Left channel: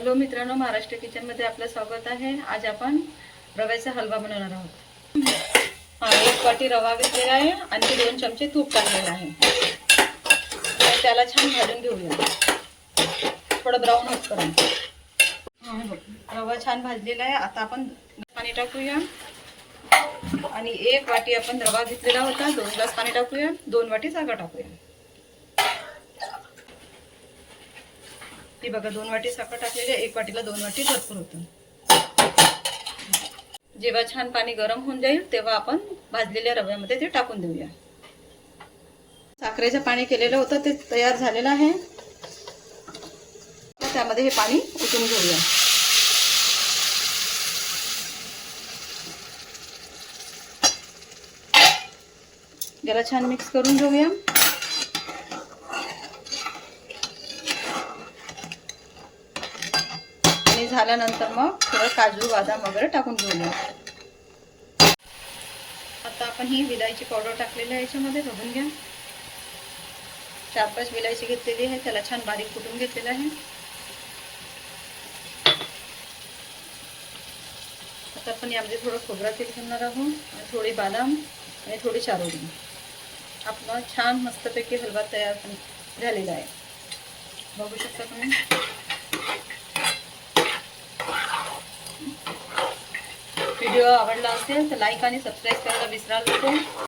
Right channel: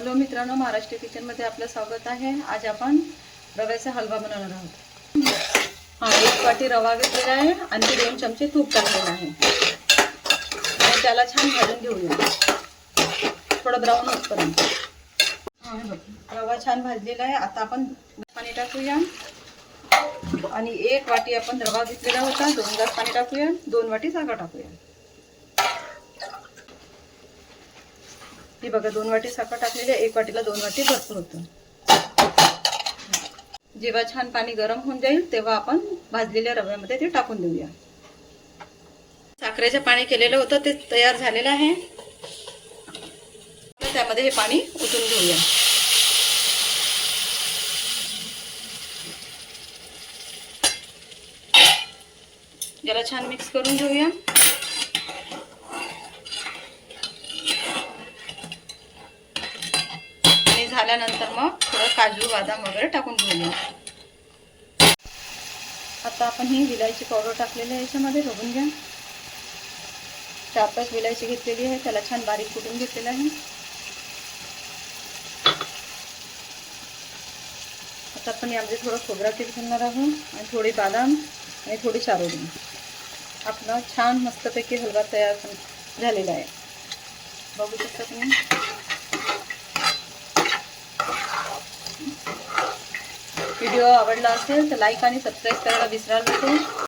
Hello मित्रांनो, महाराष्ट्र किचनमध्ये आपलं स्वागत आहे। आज आपण रव्याचा हलवा बनवणार आहोत। एक वाटी रवा घेतलेला आहे आणि 2 चमचे तूप टाकलेलं आहे आणि त्याला छान भाजून घेऊया, थोडं ब्राऊन होईपर्यंत। रवा छान भाजलेला आहे। आता आपण पाणी टाकूया आणि 1 वाटी आपण रवा घेतलेला होता, 2 ग्लास पाणी टाकूया, 2 वाटी साखर टाकूया। ही बघा 2 वाटी साखर टाकलेली आहे, 1 वाटीला 2 वाटी भरपूर होतं। जेव्हा छान पाणी गरम होऊन जाईल तेव्हा आपण भाजलेल्या रव्यामध्ये ते टाकून देऊया। साखरेचं पाणी केलेलं होतं ते तयार झालेलं आहे, त्यामध्ये हे पाणी ओतून घेऊया। याला छान मिक्स करून घेऊया। झाल्यानंतर मग थोडं काजू बदाम वगैरे टाकून घेऊया। आता आपण ही विलायची पावडर टाकलेली आहे, याच्यामध्ये बघून घ्या। 4-5 विलायची घेतलेली आहे, त्याला छान बारीक कुटून घेतलेलं आहे। आता आपण यामध्ये थोडं खोबरा तेल घालणार आहोत आणि थोडी बदाम आणि थोडी चारोळी। आपला छान मस्तपैकी हलवा तयार झालेला आहे, बघू शकता तुम्ही। व्हिडिओ आवडला असेल तर लाईक आणि सबस्क्राईब करायला विसराल नको।